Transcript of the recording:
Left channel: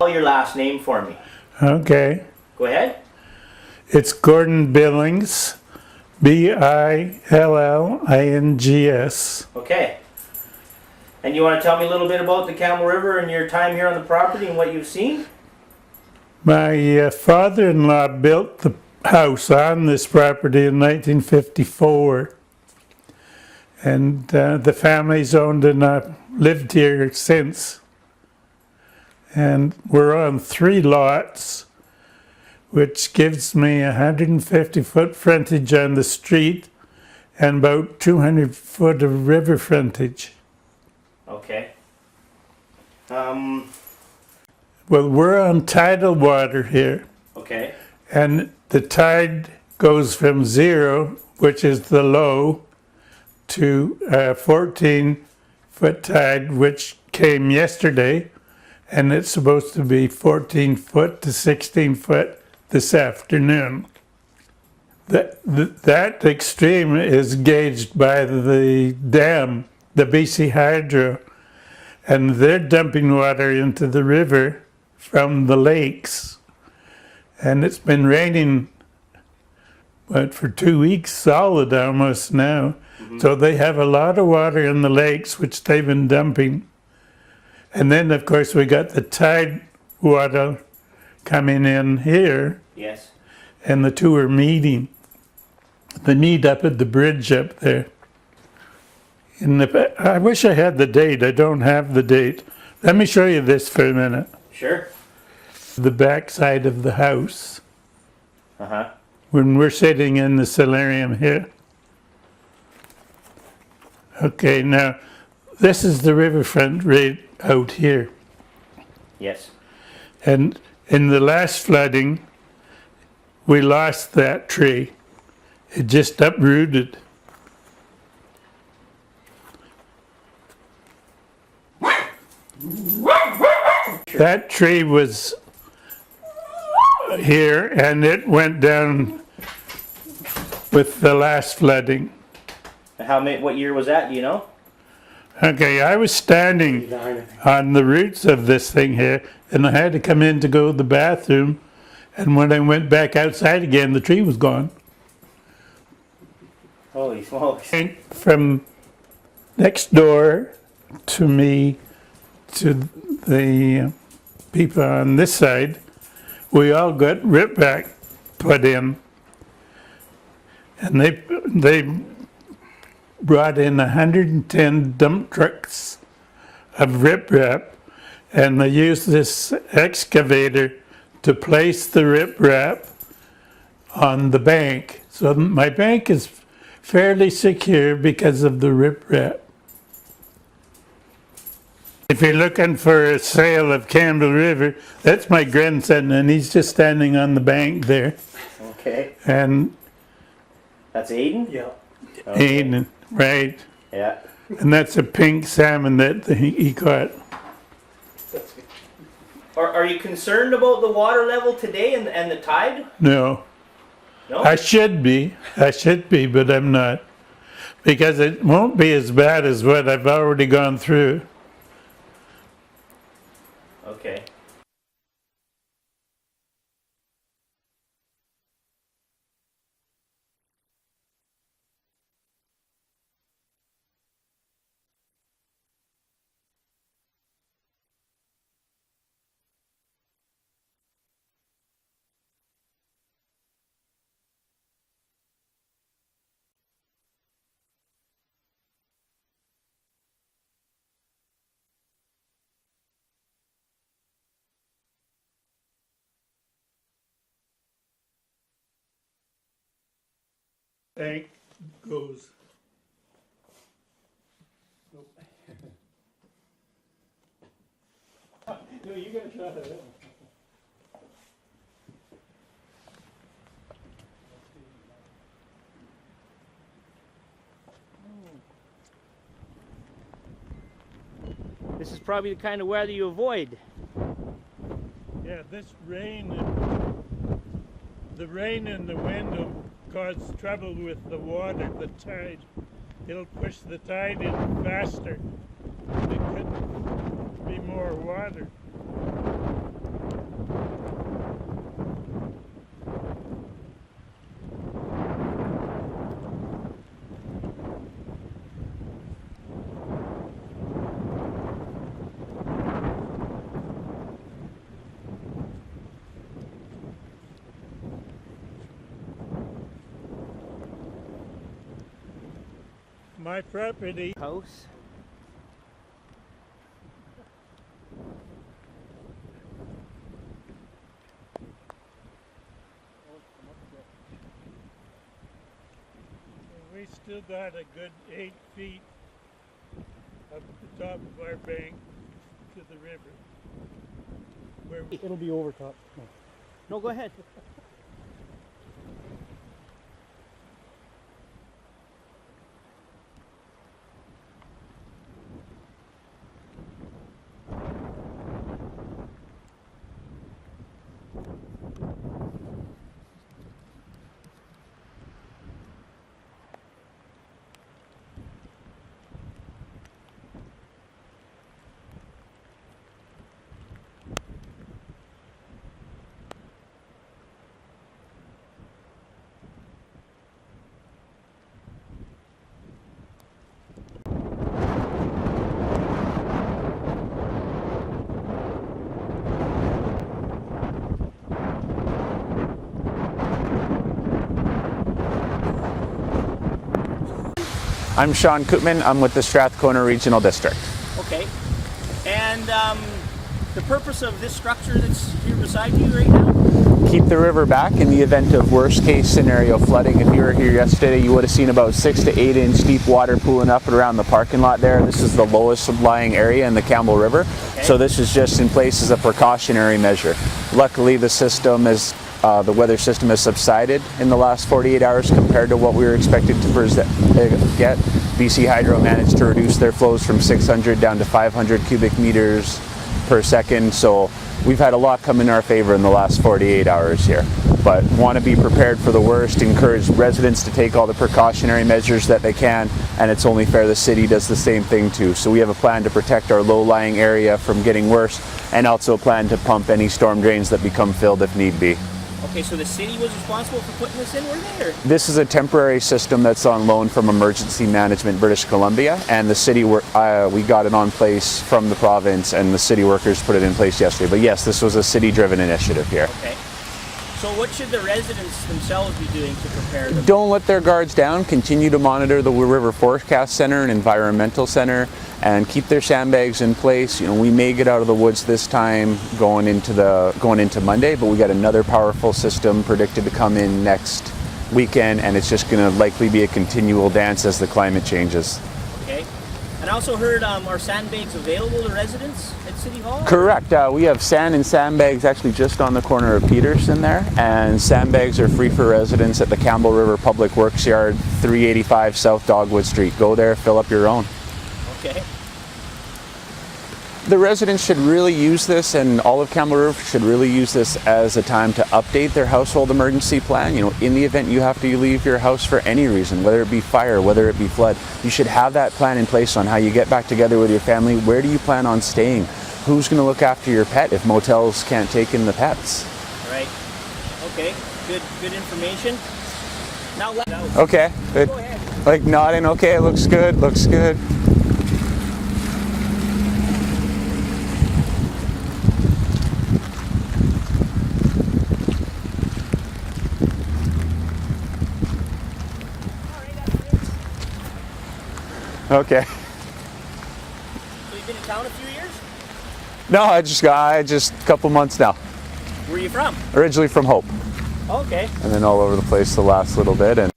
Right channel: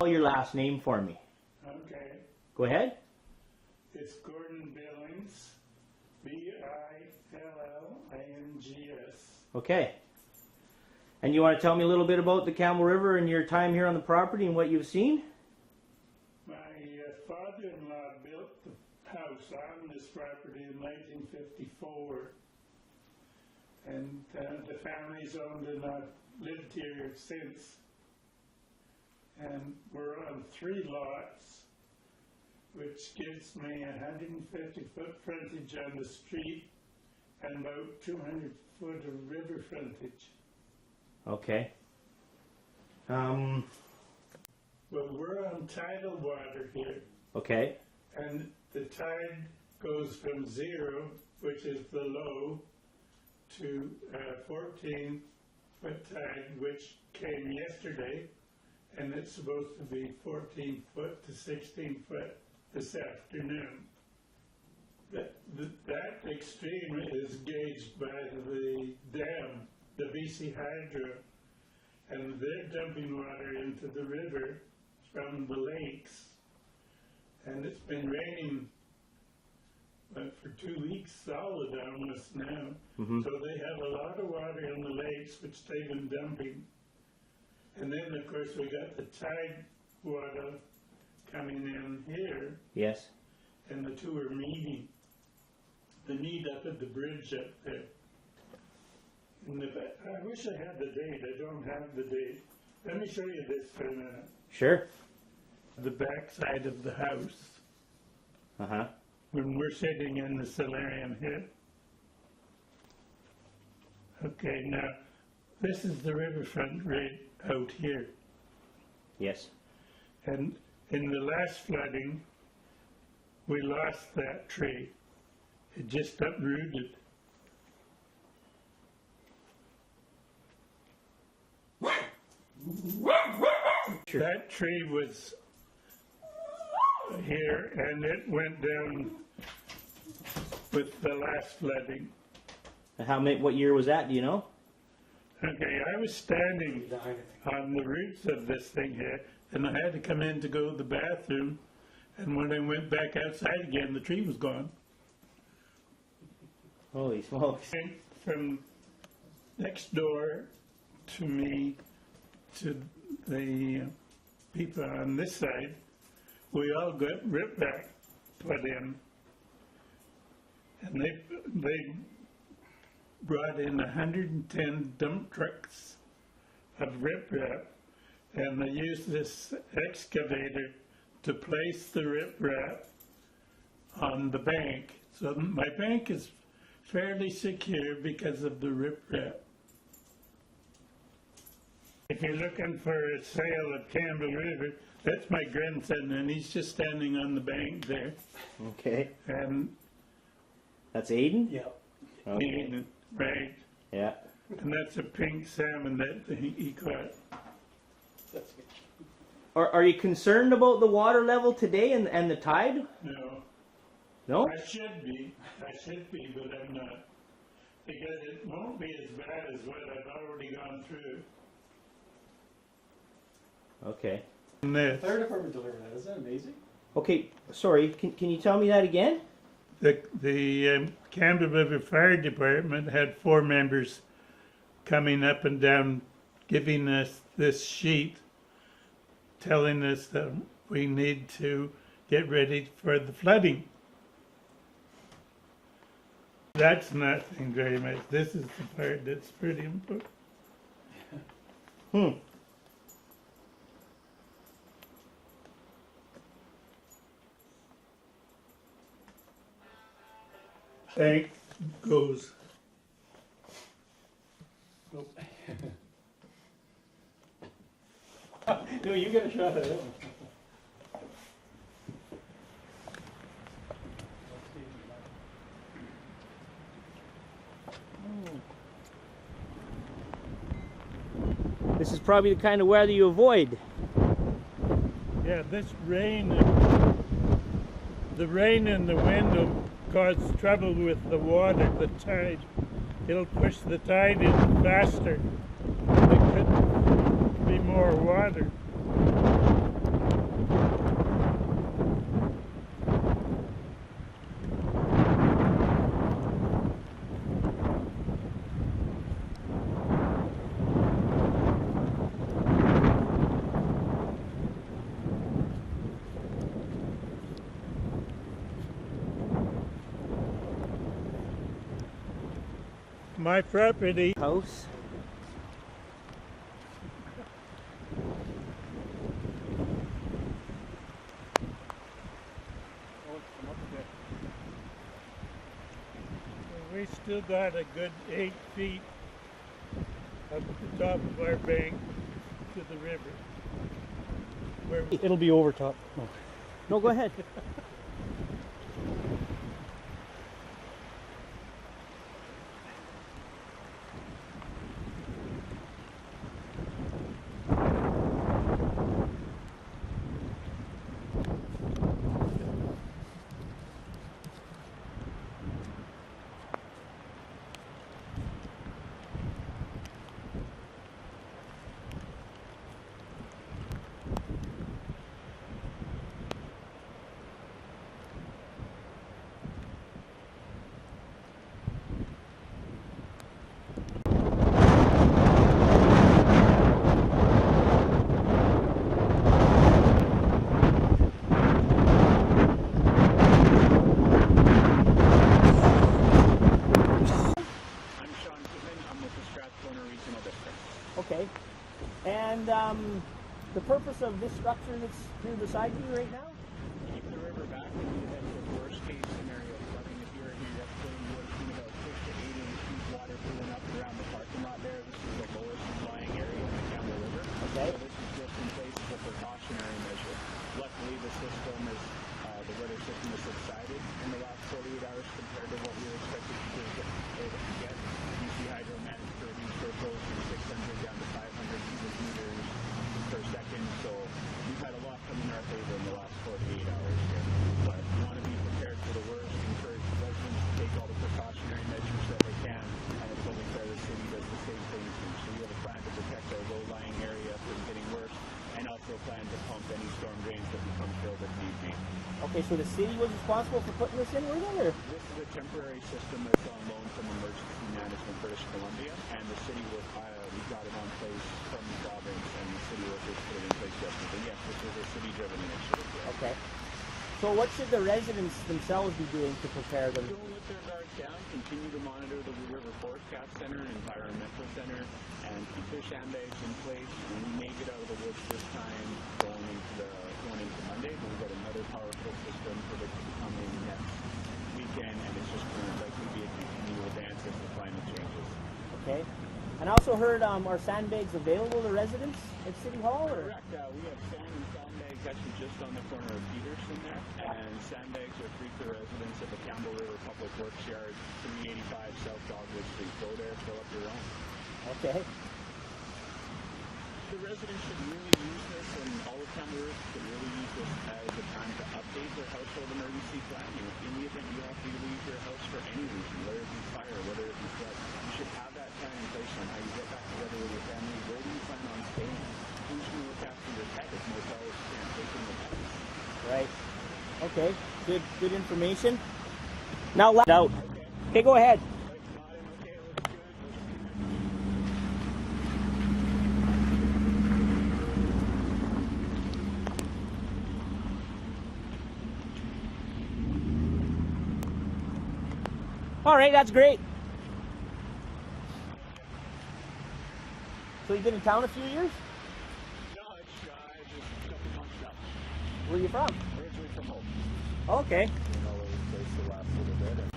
Spell your last name for me. Okay. Go ahead. It's Gordon Billings, Billings. Okay. And you want to tell me a little bit about the Campbell River and your time here on the property and what you've seen? My father-in-law built the house on this property in 1954. And the family's owned and lived here since. And we're on 3 lots, which gives me 150-foot frontage on the street and about 200 foot of river frontage. Okay. Well, we're on tidal water here. Okay. And the tide goes from 0, which is the low, to 14-foot tide, which came yesterday, and it's supposed to be 14 foot to 16 foot this afternoon. That extreme is gauged by the dam, the BC Hydro, and they're dumping water into the river from the lakes. And it's been raining, for 2 weeks solid almost now. So they have a lot of water in the lakes, which they've been dumping. And then, of course, we got the tide water coming in here. Yes. And the two are meeting. They meet up at the bridge up there. I wish I had the date. I don't have the date. Let me show you this for a minute. Sure. The back side of the house. Uh-huh. When we're sitting in the solarium here. Okay, now, this is the riverfront right out here. Yes. And in the last flooding, we lost that tree. It just uprooted. That tree was here and it went down with the last flooding. What year was that, do you know? Okay, I was standing on the roots of this thing here, and I had to come in to go to the bathroom, and when I went back outside again, the tree was gone. Holy smokes. From next door to me, to the people on this side, we all got ripback put in, and they brought in 110 dump trucks of riprap, and they used this excavator to place the riprap on the bank. So my bank is fairly secure because of the riprap. If you're looking for a sale of Campbell River, that's my grandson, and he's just standing on the bank there. Okay. And that's Aiden? Yeah. Okay. Aiden, right. Yeah. And that's a pink salmon that he caught. Are you concerned about the water level today and the tide? No. No? I should be, but I'm not. Because it won't be as bad as what I've already gone through. Okay. The fire department delivered that. Isn't that amazing? Okay, sorry, can you tell me that again? The Campbell River Fire Department had 4 members coming up and down giving us this sheet telling us that we need to get ready for the flooding. That's nothing very much. This is the part that's pretty important. Tank goes. Nope. No, you get a shot at it. This is probably the kind of weather you avoid. Yeah, this rain, the rain and the wind will cause trouble with the water, the tide. It'll push the tide in faster. There could be more water. my property. House. We still got a good 8 feet up the top of our bank to the river. Where we, It'll be over top. Oh. No, go ahead. I'm Sean Koopman. I'm with the Strathcona Regional District. Okay. And the purpose of this structure that's here beside you right now? Keep the river back in the event of worst case scenario flooding. If you were here yesterday, you would have seen about 6 to 8 inch deep water pooling up and around the parking lot there. This is the lowest lying area in the Campbell River. Okay. So this is just in place as a precautionary measure. Luckily, the system is the weather system has subsided in the last 48 hours compared to what we were expected to get. BC Hydro managed to reduce their flows from 600 down to 500 cubic meters per second. So we've had a lot come in our favor in the last 48 hours here. But want to be prepared for the worst, encourage residents to take all the precautionary measures that they can, and it's only fair the city does the same thing too. So we have a plan to protect our low-lying area from getting worse, and also a plan to pump any storm drains that become filled if need be. Okay, so the city was responsible for putting this in, were they? Or? This is a temporary system that's on loan from Emergency Management British Columbia, and the city we got it on place from the province, and the city workers put it in place yesterday. But yes, this was a city-driven initiative here. Okay. So what should the residents themselves be doing to prepare them? Don't let their guards down. Continue to monitor the River Forecast Center and Environmental Center, and keep their sandbags in place. You know, we may get out of the woods this time going into Monday, but we got another powerful system predicted to come in next weekend, and it's just going to likely be a continual dance as the climate changes. Okay. And I also heard, are sandbags available to residents at City Hall? Correct. We have sand and sandbags actually just on the corner of Peterson there, and sandbags are free for residents at the Campbell River Public Works Yard, 385 South Dogwood Street. Go there, fill up your own. Okay. The residents should really use this, and all of Campbell River should really use this as a time to update their household emergency plan. You know, in the event you have to leave your house for any reason, whether it be fire, whether it be flood, you should have that plan in place on how you get back together with your family. Where do you plan on staying? Who's going to look after your pet if motels can't take in the pets? Right. Okay. Good information. Now, Okay. Yeah, go ahead. Like nodding. Okay, looks good. Looks good. All right, that's great. Okay. So you've been in town a few years? No, I just a couple months now. Where are you from? Originally from Hope, Okay. and then all over the place the last little bit. And